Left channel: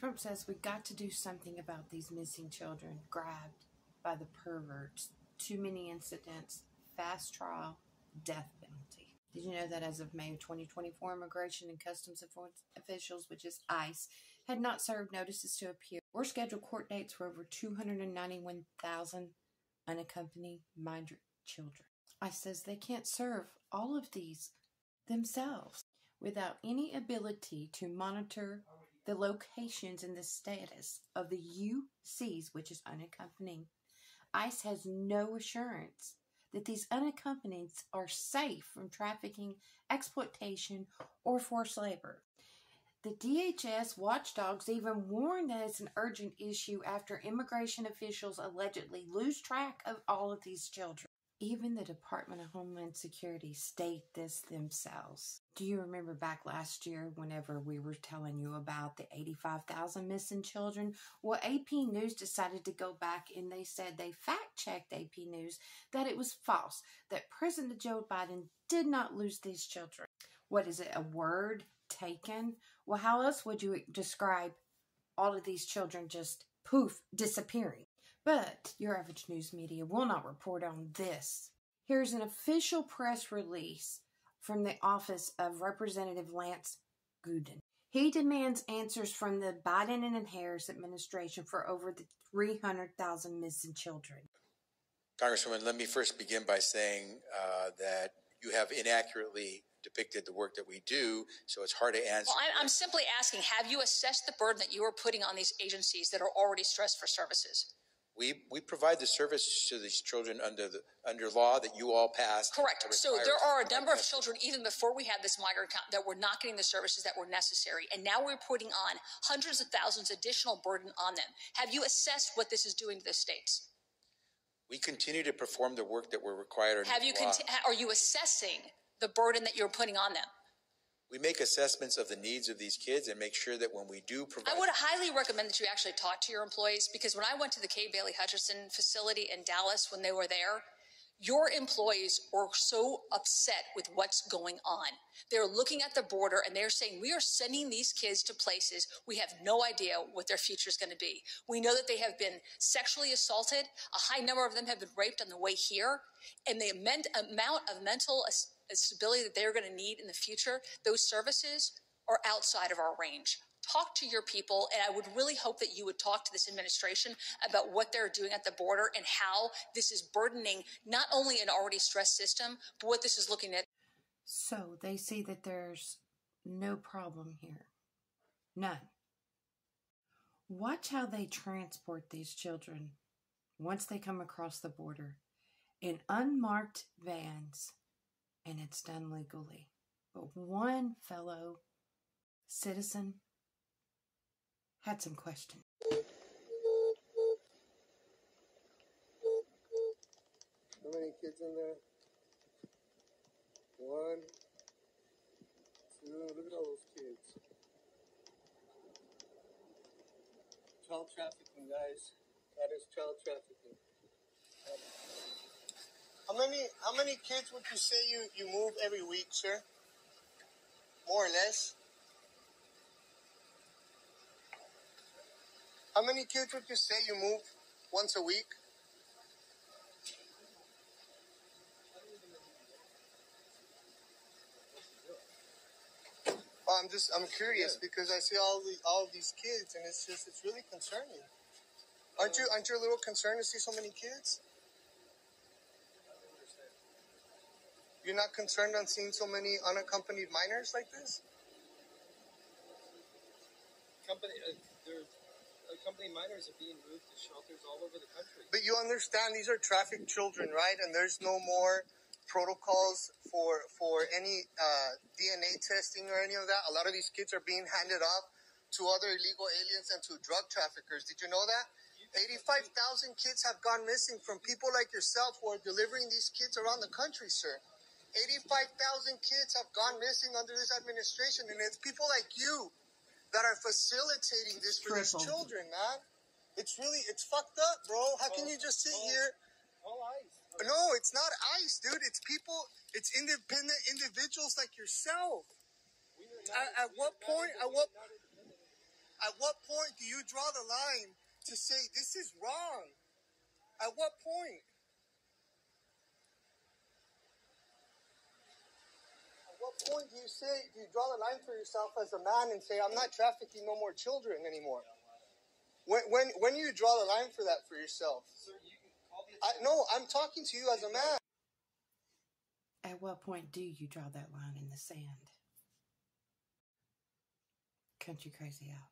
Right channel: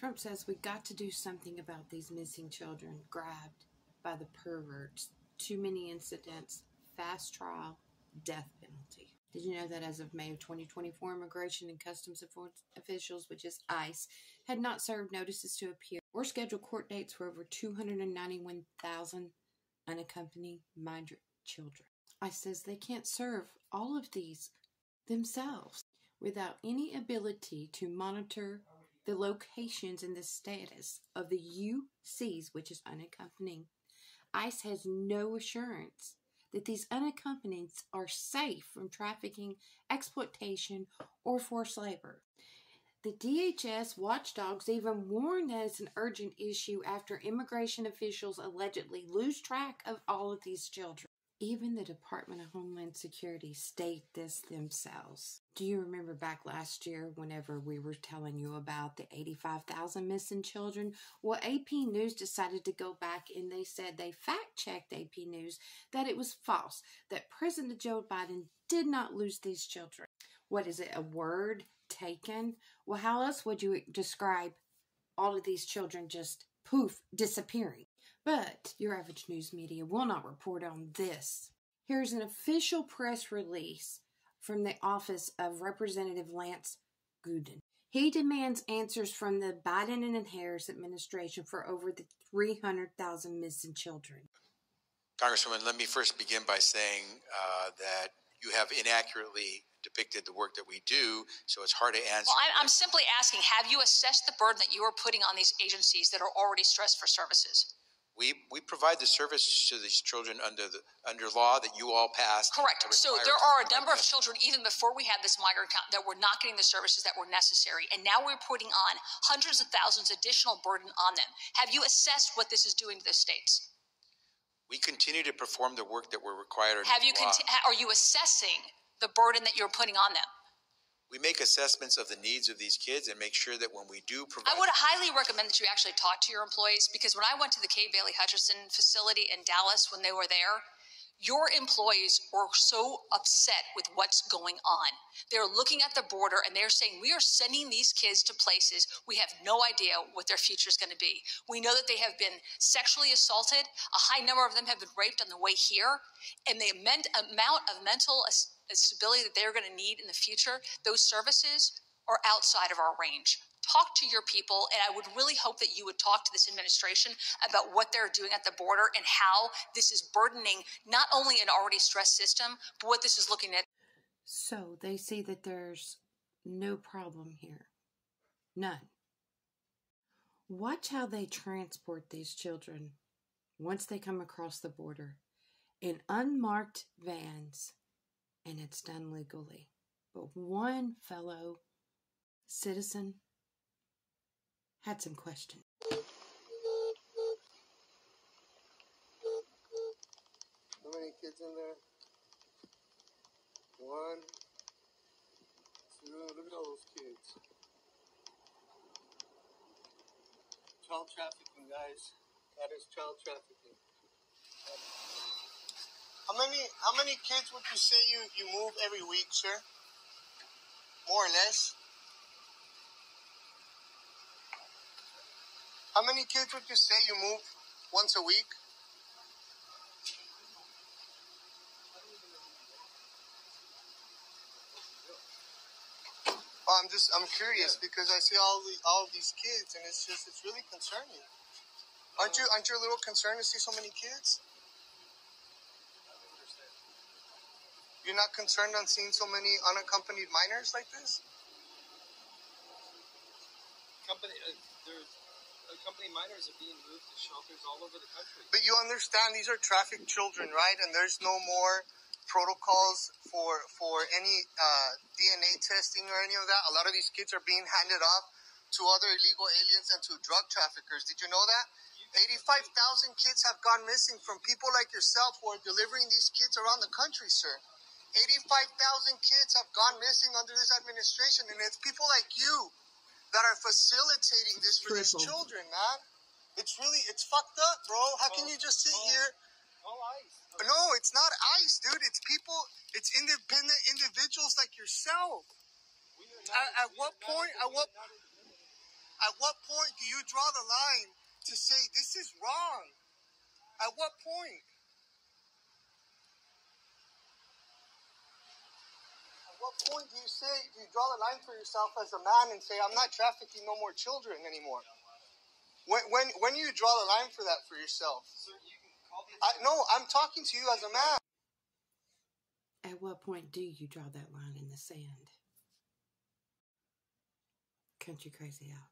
Trump says we got to do something about these missing children grabbed by the perverts. Too many incidents, fast trial, death penalty. Did you know that as of May of 2024, Immigration and Customs officials, which is ICE, had not served notices to appear or scheduled court dates for over 291,000 unaccompanied migrant children? ICE says they can't serve all of these themselves without any ability to monitor the locations and the status of the UCs, which is unaccompanied. ICE has no assurance that these unaccompanied are safe from trafficking, exploitation, or forced labor. The DHS watchdogs even warned that it's an urgent issue after immigration officials allegedly lose track of all of these children. Even the Department of Homeland Security state this themselves. Do you remember back last year whenever we were telling you about the 85,000 missing children? Well, AP News decided to go back and they said they fact-checked AP News that it was false, that President Joe Biden did not lose these children. What is it, a word taken? Well, how else would you describe all of these children just poof, disappearing? But your average news media will not report on this. Here's an official press release from the office of Representative Lance Gooden. He demands answers from the Biden and Harris administration for over the 300,000 missing children. Congresswoman, let me first begin by saying that you have inaccurately depicted the work that we do, so it's hard to answer. Well, I'm simply asking, have you assessed the burden that you are putting on these agencies that are already stressed for services? We provide the service to these children under law that you all passed. Correct. So there are a number of children, even before we had this migrant count, that were not getting the services that were necessary. And now we're putting on hundreds of thousands additional burden on them. Have you assessed what this is doing to the states? We continue to perform the work that we're required under law. Are you assessing the burden that you're putting on them? We make assessments of the needs of these kids and make sure that when we do provide... I would highly recommend that you actually talk to your employees, because when I went to the Kay Bailey Hutchison facility in Dallas when they were there, your employees were so upset with what's going on. They're looking at the border and they're saying, we are sending these kids to places we have no idea what their future is going to be. We know that they have been sexually assaulted. A high number of them have been raped on the way here. And the amount of mental stability that they're going to need in the future, those services are outside of our range. Talk to your people, and I would really hope that you would talk to this administration about what they're doing at the border and how this is burdening not only an already stressed system, but what this is looking at. So they see that there's no problem here. None. Watch how they transport these children once they come across the border in unmarked vans. And it's done legally. But one fellow citizen had some questions. How many kids in there? 1, 2, look at all those kids. Child trafficking, guys. That is child trafficking. How many kids would you say you move every week, sir? More or less? How many kids would you say you move once a week? Oh, I'm curious because I see all of these kids and it's really concerning. Aren't you a little concerned to see so many kids? You're not concerned on seeing so many unaccompanied minors like this? Unaccompanied minors are being moved to shelters all over the country. But you understand these are trafficked children, right? And there's no more protocols for any DNA testing or any of that. A lot of these kids are being handed off to other illegal aliens and to drug traffickers. Did you know that? 85,000 kids have gone missing from people like yourself who are delivering these kids around the country, sir. 85,000 kids have gone missing under this administration, and it's people like you that are facilitating this for these children, man. It's fucked up, bro. How can you just sit here? All ICE. No, it's not ICE, dude. It's people, it's independent individuals like yourself. At what point At what point do you draw the line to say this is wrong? At what point? At what point do you draw the line for yourself as a man and say, I'm not trafficking no more children anymore? When you draw the line for that for yourself? Sir, you can call me. No, I'm talking to you as a man. At what point do you draw that line in the sand? Country Crazy out.